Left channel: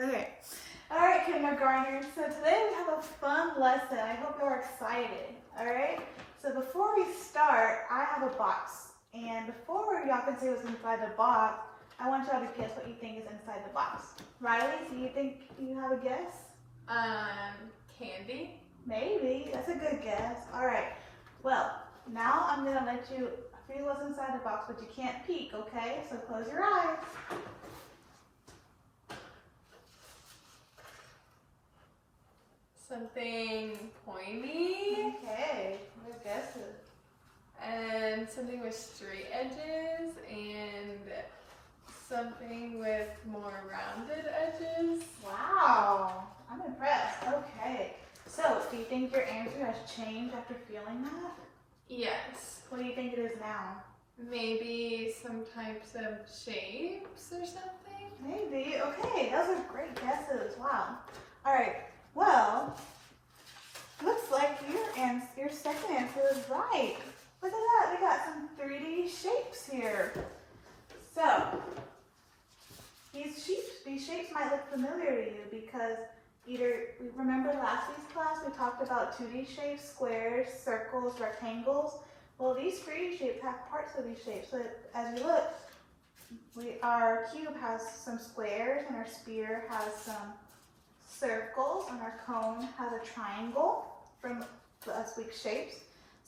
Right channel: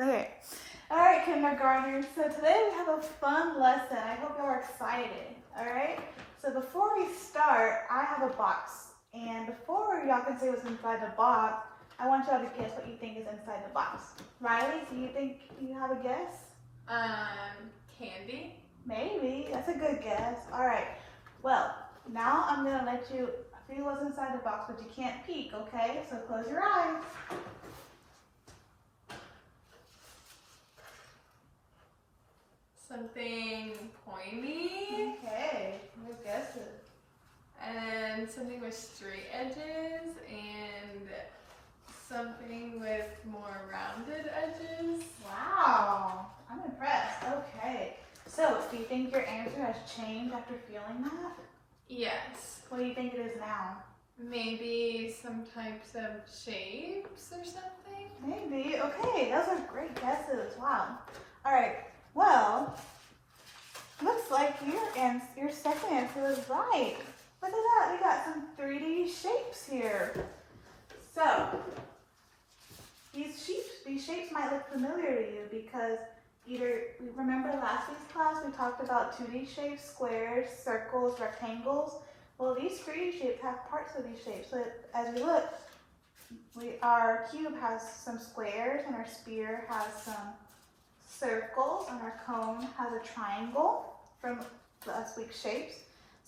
Okay. All right, kindergartners. So today we have a fun lesson. I hope you're excited. All right. So before we start, I have a box, and before y'all can say what's inside the box, I want y'all to guess what you think is inside the box. Riley, do you think you have a guess? Candy. Maybe. That's a good guess. All right. Well, now I'm gonna let you feel what's inside the box, but you can't peek. Okay? So close your eyes. Something pointy. Okay. Good guesses. And something with straight edges and something with more rounded edges. Wow, I'm impressed. Okay. So, do you think your answer has changed after feeling that? Yes. What do you think it is now? Maybe some types of shapes or something. Maybe. Okay, those are great guesses. Wow. All right. Well, looks like your second answer is right. Look at that. We got some 3D shapes here. So, these shapes might look familiar to you because remember last week's class we talked about 2D shapes, squares, circles, rectangles. Well, these 3D shapes have parts of these shapes. So as you look, our cube has some squares, and our sphere has some circles, and our cone has a triangle from last week's shapes.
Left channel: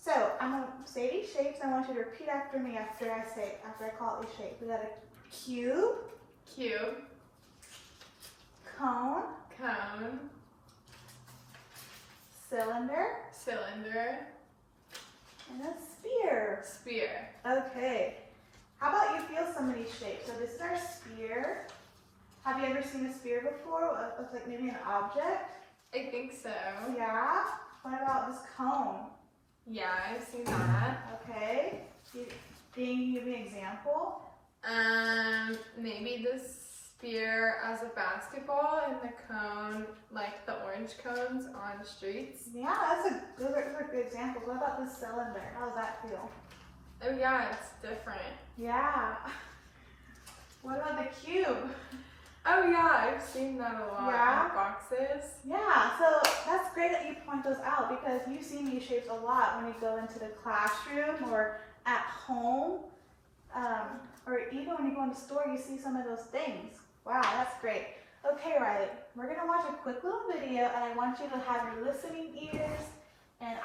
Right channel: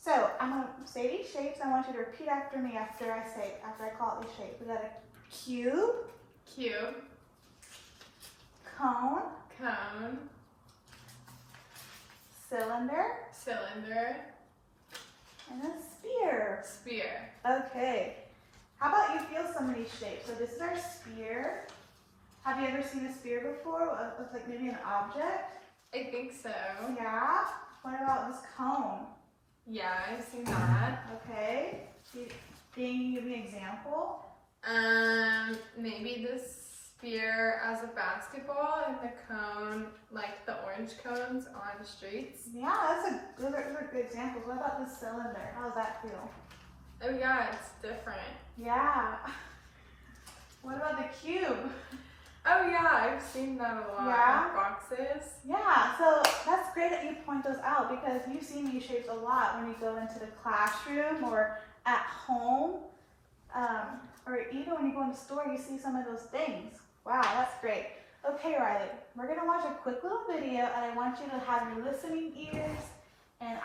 So I'm gonna say these shapes. I want you to repeat after me after I call it these shapes. We got a cube, Cube. cone, Cone. cylinder, Cylinder. and a sphere. Sphere. Okay. How about you feel some of these shapes? So this is our sphere. Have you ever seen a sphere before? It looks like maybe an object. I think so. Yeah. What about this cone? Yeah, I've seen that. Okay. Can you give me an example? Maybe the sphere as a basketball and the cone, like the orange cones on streets. Yeah, those are good examples. What about the cylinder? How does that feel? Oh yeah, it's different. Yeah. What about the cube? Oh yeah, I've seen that a lot Yeah? in boxes. Yeah, so that's great that you point those out because you've seen these shapes a lot when you go into the classroom or at home, or even when you go in the store, you see some of those things. Wow, that's great. Okay, Riley, we're gonna watch a quick little video, and I want you to have your listening ears and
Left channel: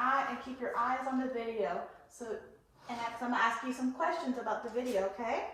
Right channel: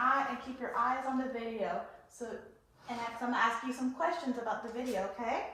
keep your eyes on the video. So I'm gonna ask you some questions about the video, okay?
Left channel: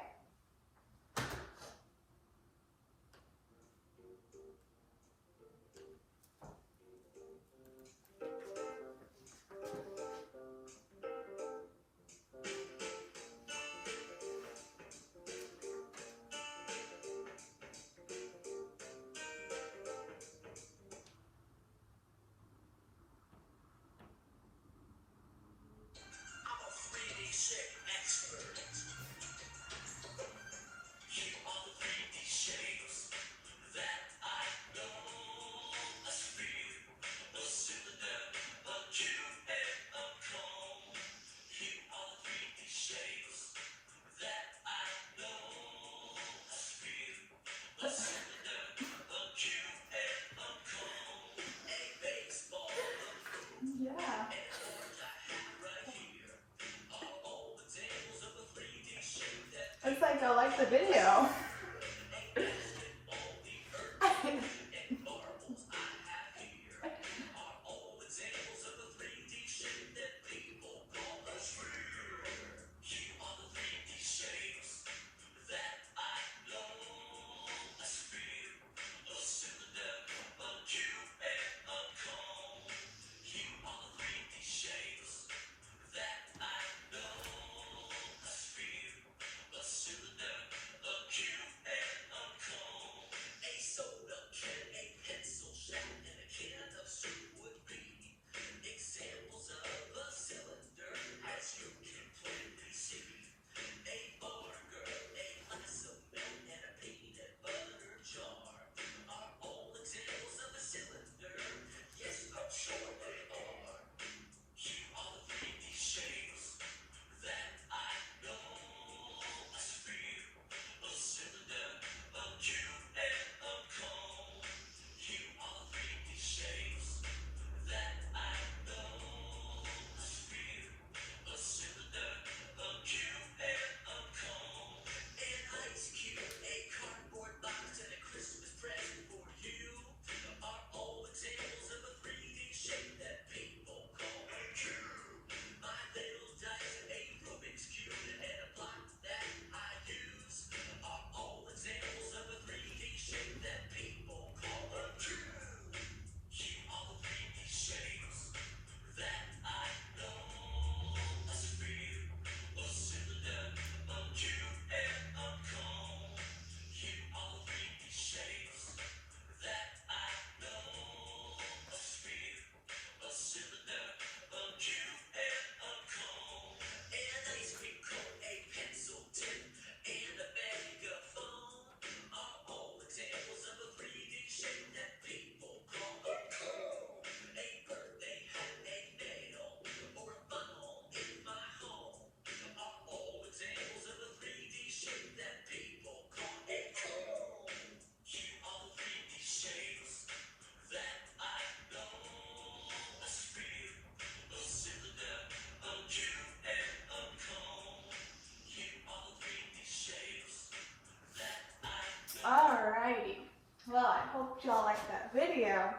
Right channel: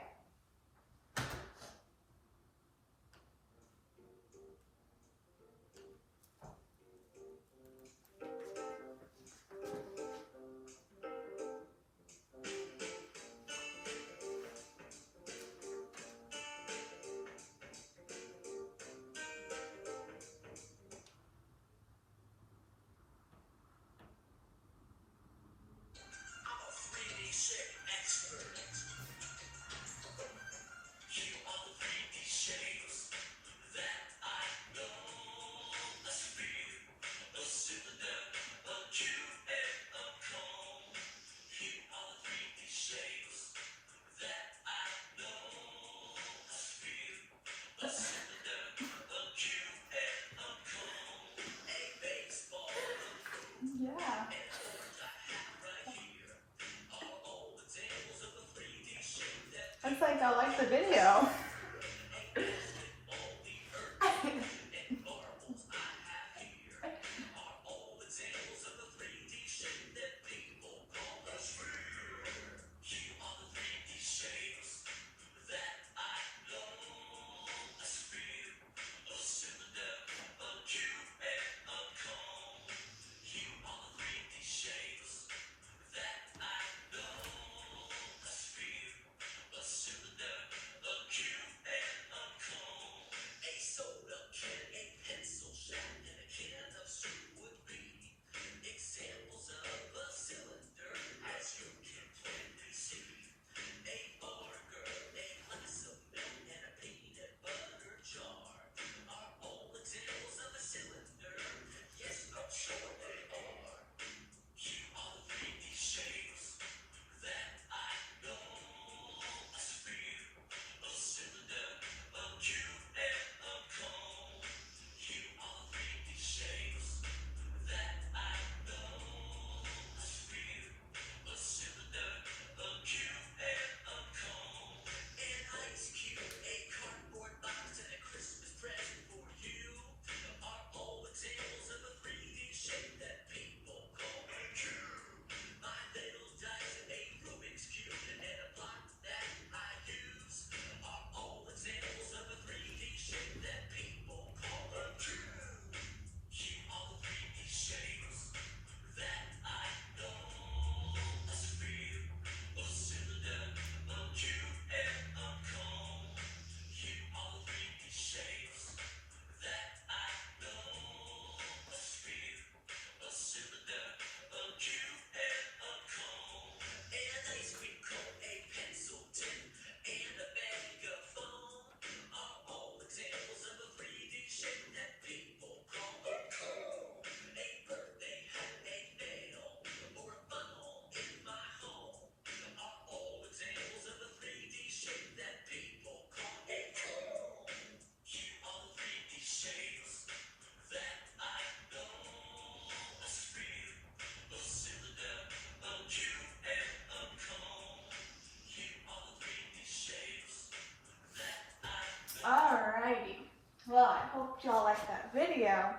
Well, I hope y'all liked that video.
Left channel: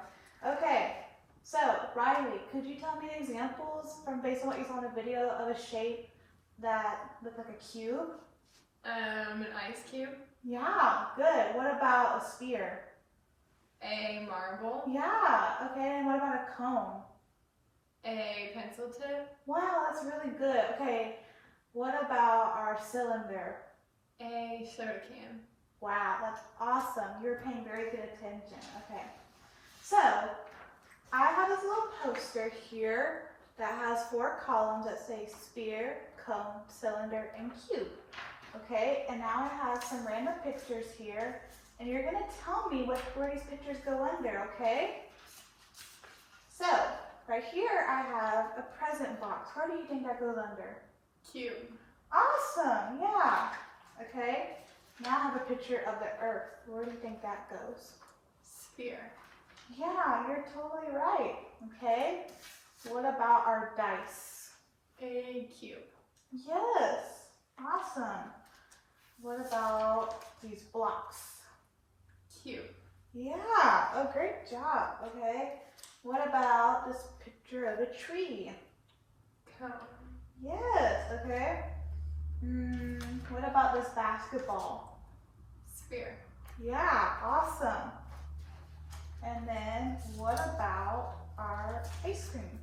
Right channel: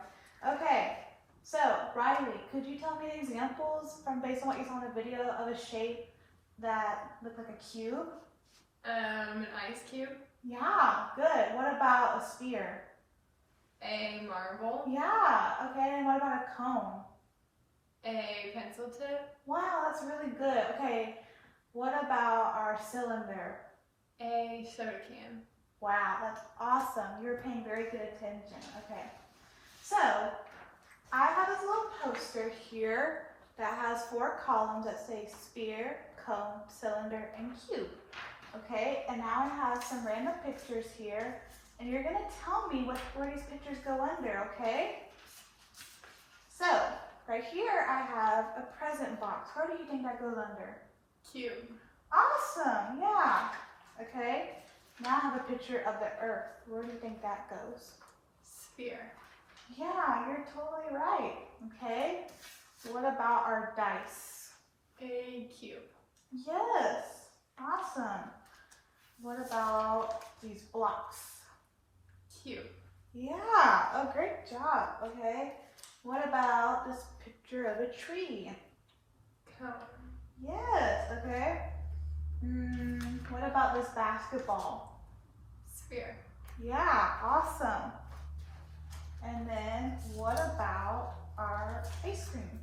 Okay, so Riley, could you tell me examples from based on what you saw in the video of a shape that looked like a cube? An ice cube. Yeah, good. What about a sphere? A marble. Yeah, okay, and what about a cone? A pencil tip. Wow, that's really good. Okay, what about our cylinder? A soda can. Wow, that's awesome. You were paying very good attention. Okay, so I have this little poster here that has 4 columns that say sphere, cone, cylinder, and cube. Okay, and now I have some random pictures here, and you're gonna tell me where these pictures go under, okay? So, right here I have a present box. Where do you think that goes under? Cube. Awesome, yeah. Okay, now I have a picture of the earth. Where do you think that goes? Sphere. Yeah, you're totally right. Okay, what about our dice? A cube. Yes, awesome. What about these blocks? Cube. Yeah, oh, great job. Okay, what about this picture of a tree? Cone. Yes, okay. What about this basketball? Sphere. Yeah, awesome. And then what about our ice cream?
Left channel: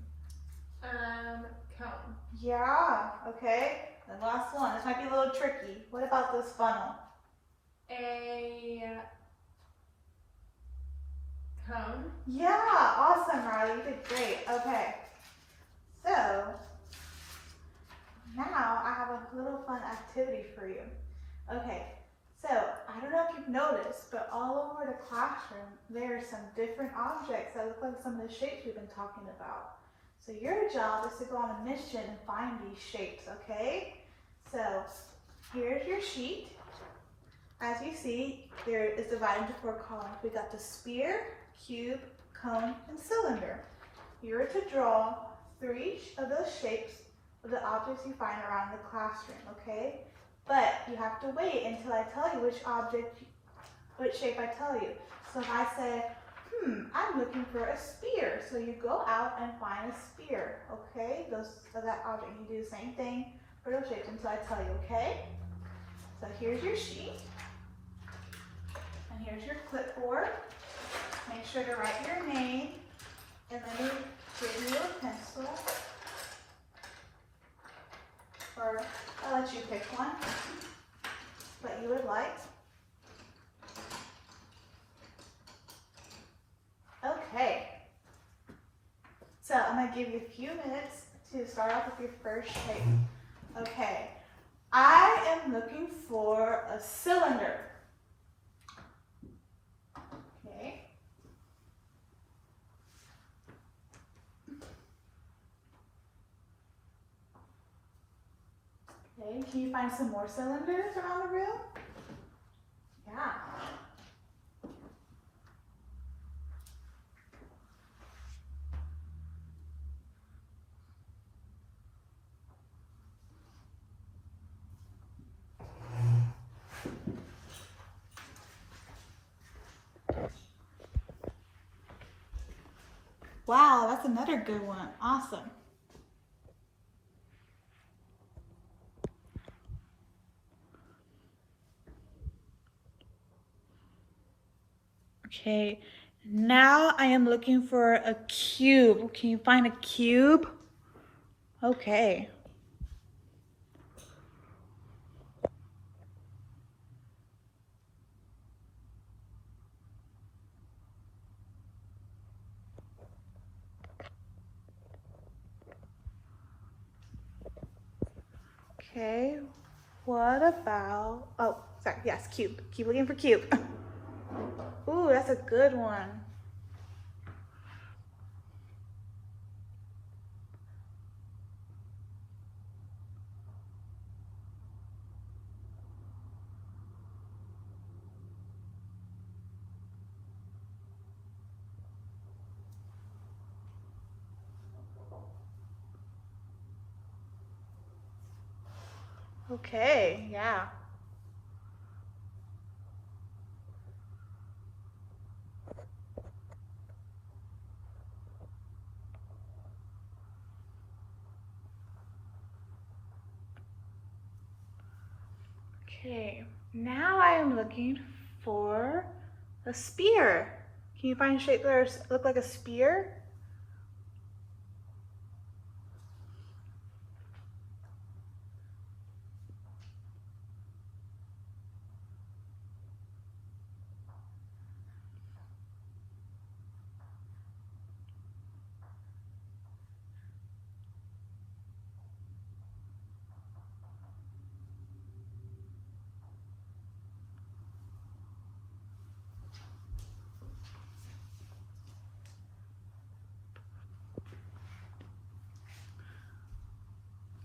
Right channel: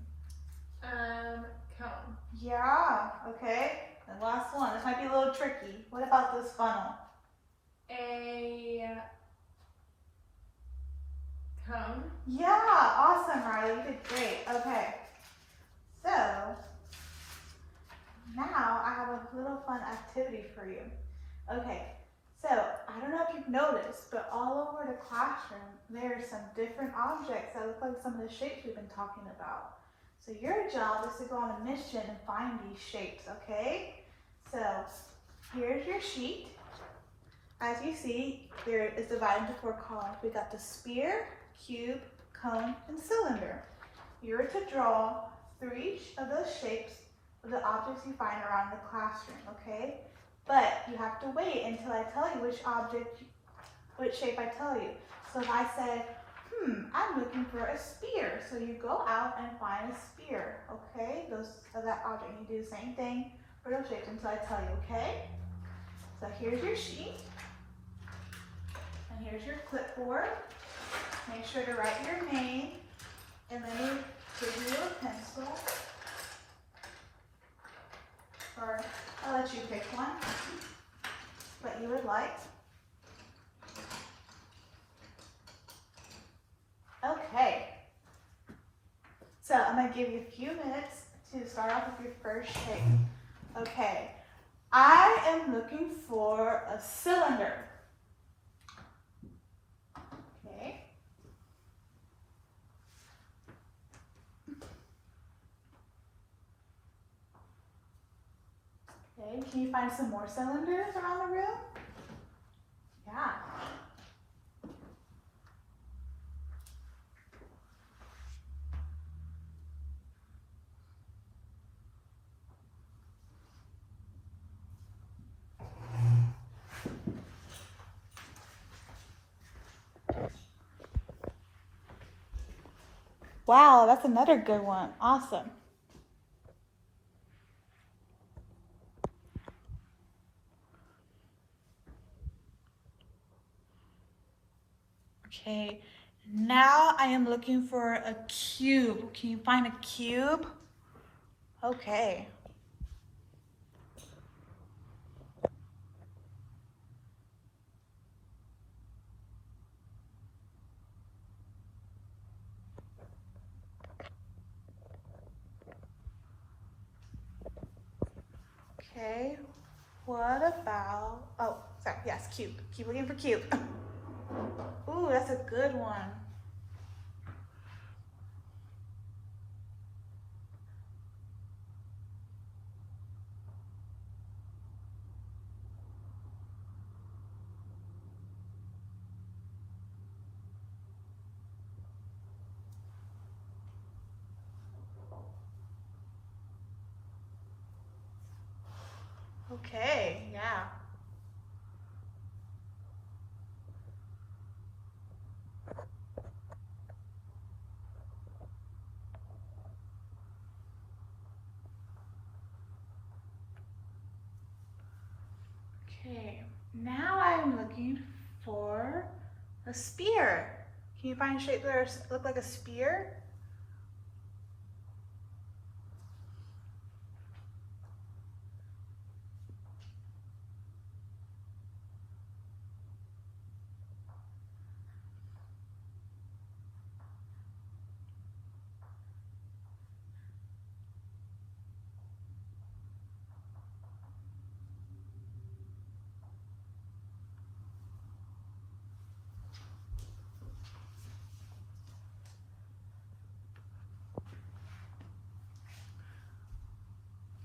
Cone. Yeah, okay. And last one, this might be a little tricky. What about this funnel? A cone. Yeah, awesome, Riley. You did great. Okay. So, now I have a little fun activity for you. Okay, so I don't know if you've noticed, but all over the classroom, there are some different objects that look like some of the shapes we've been talking about. So your job is to go on a mission and find these shapes, okay? So here's your sheet. As you see, here is divided into 4 columns. We got the sphere, cube, cone, and cylinder. You're to draw 3 each of those shapes of the objects you find around the classroom, okay? But you have to wait until I tell you which shape I tell you. So if I say, I'm looking for a sphere. So you go out and find a sphere, okay? That object, you do the same thing for those shapes until I tell you, okay? So here's your sheet. And here's your clipboard. Make sure to write your name. And then you give you a pencil. Or I'll let you pick one that you would like. Okay. So I'm going to give you a few minutes to start off with your first shape. Okay. I am looking for a cylinder. Okay. Okay, can you find some more cylinders around the room? Yeah. Wow, that's another good one. Awesome. Okay, now I am looking for a cube. Can you find a cube? Okay. Okay, what about, oh, sorry, yes, cube. Keep looking for cube. Ooh, that's a good one. Okay, yeah. Okay, now I am looking for a spear. Can you find shapes that look like a spear?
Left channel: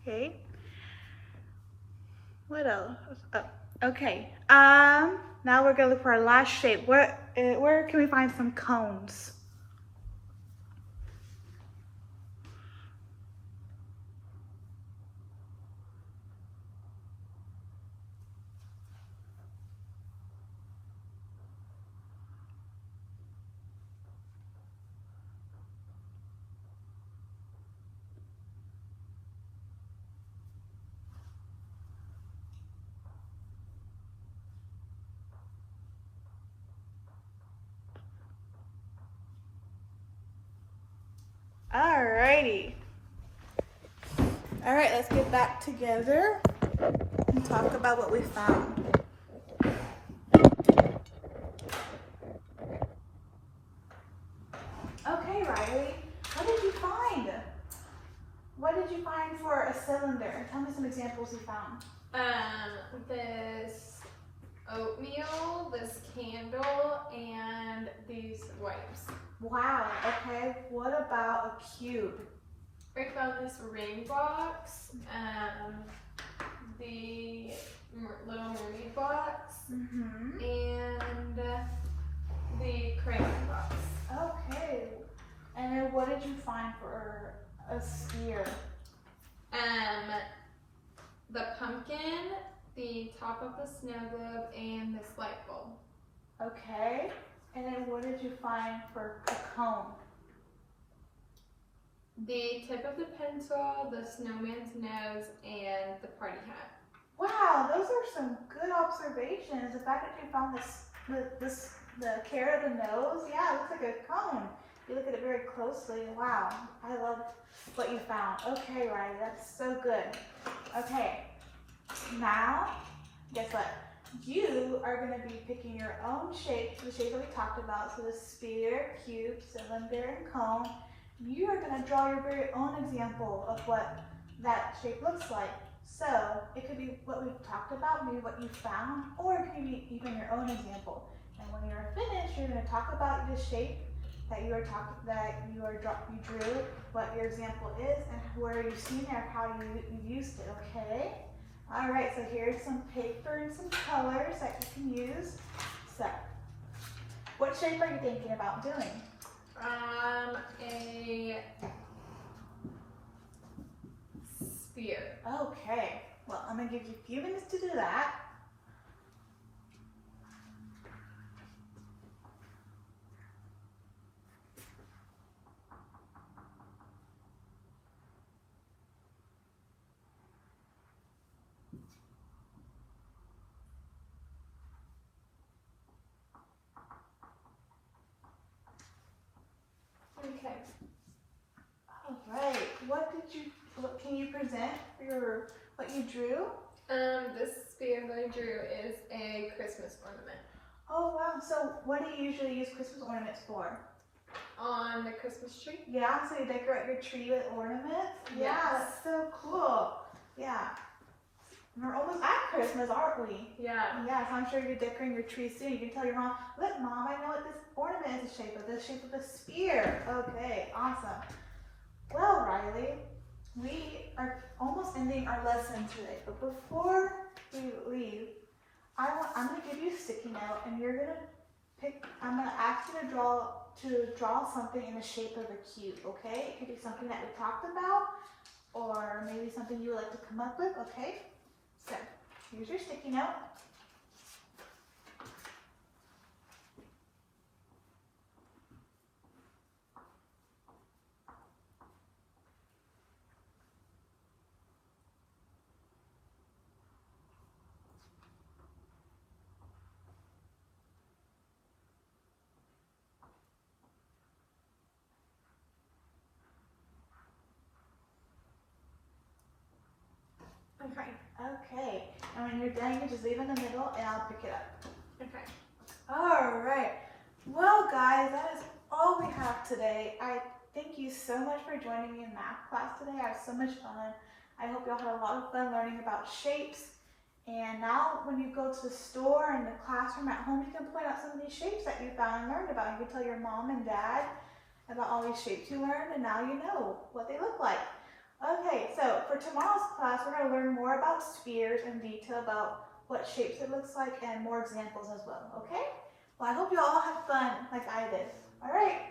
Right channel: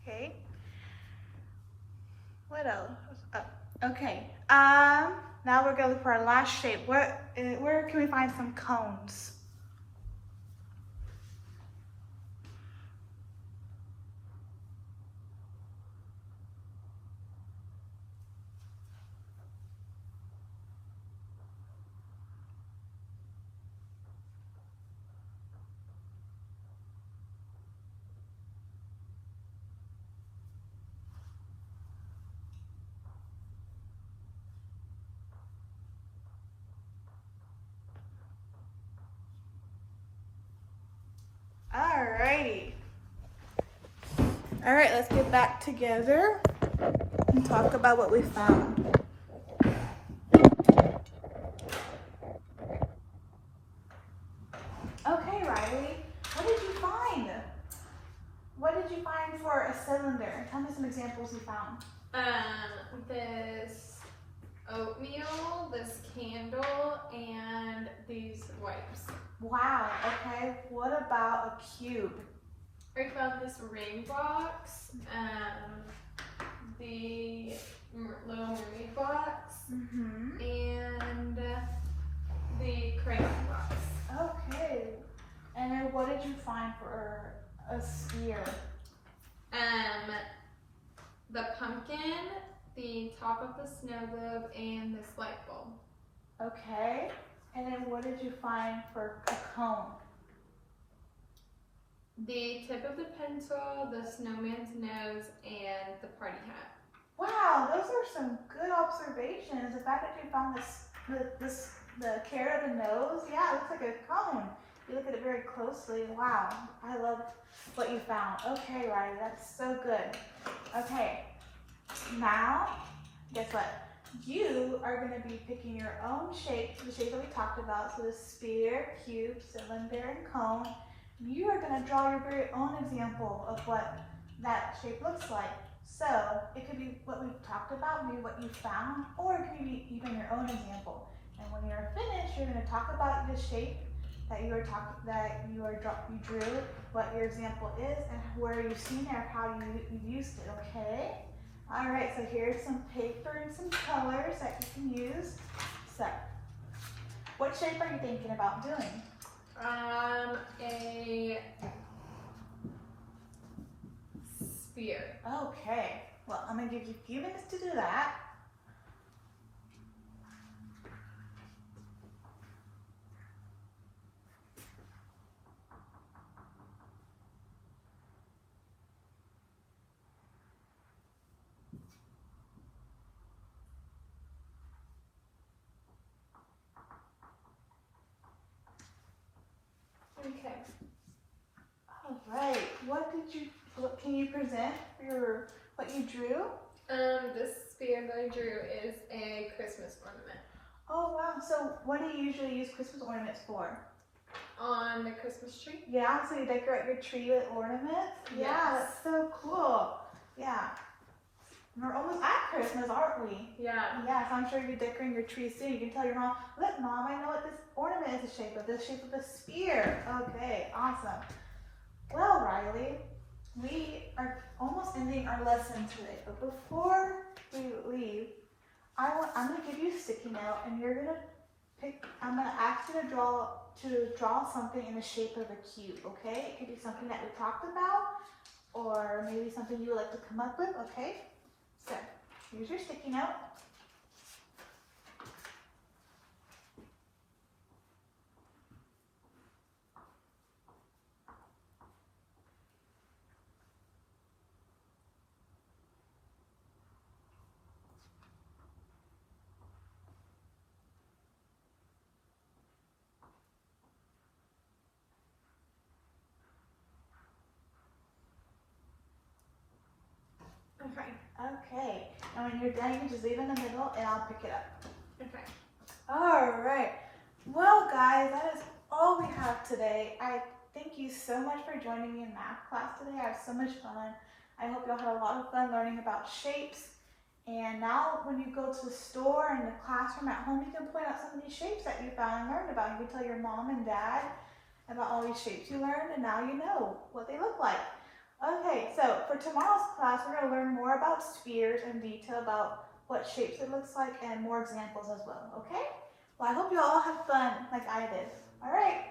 Okay. What else? Oh, okay. Now we're gonna look for our last shape. Where can we find some cones? Alrighty. All right, let's get back together and talk about what we found. Okay, Riley, what did you find? What did you find for a cylinder? Tell me some examples you found. This oatmeal, this candle, and these wipes. Wow, okay. What about a cube? I found this ring box, the little mermaid box, and the crayon box. Okay. And then what did you find for a spear? The pumpkin, the top of the snow globe, and this light bulb. Okay. And then what did you find for a cone? The tip of the pencil, the snowman's nose, and the party hat. Wow, those are some good observations. The fact that you found the carrot of the nose, yeah, it looks like a cone. You look at it very closely. Wow, I love what you found. Okay, Riley, that's so good. Okay, now, guess what? You are going to be picking your own shape, the shape that we talked about. So the spear, cube, cylinder, and cone. You are going to draw your very own example of what that shape looks like. So it could be what we've talked about, maybe what you found, or it could be even your own example. And when you're finished, you're going to talk about the shape that you drew, what your example is, and where you've seen it or how you used it. Okay. All right. So here's some paper and some colors that you can use. So, what shape are you thinking about doing? A spear. Okay, well, I'm gonna give you a few minutes to do that. Okay. All right, what can you present what you drew? This spear that I drew is a Christmas ornament. Oh wow, so what do you usually use Christmas ornaments for? On the Christmas tree? Yeah, so you decorate your tree with ornaments? Yeah, Yes. that's so cool. Yeah. We're almost at Christmas, aren't we? Yeah. Yeah, so I'm sure you're decorating your tree soon. You can tell your mom, look mom, I know what this ornament is the shape of. This shape of a spear. Okay, awesome. Well, Riley, we are almost ending our lesson today, but before we leave, I'm gonna give you a sticky note, and you're gonna I'm gonna ask you to draw something in the shape of a cube. Okay? It could be something that we talked about, or maybe something you would like to come up with. Okay? So here's your sticky note. Okay. Okay. And when you're done, you just leave it in the middle and I'll pick it up. Okay. All right. Well, guys, that is all we have today. I thank you so much for joining me in math class today. I had so much fun. I hope y'all had a lot of fun learning about shapes. And now when you go to the store and the classroom at home, you can point out some of these shapes that you found and learned about. You can tell your mom and dad about all these shapes you learned, and now you know what they look like. Okay, so for tomorrow's class, we're going to learn more about spheres in detail, about what shapes it looks like, and more examples as well, okay? Well, I hope you all had fun like I did. All right,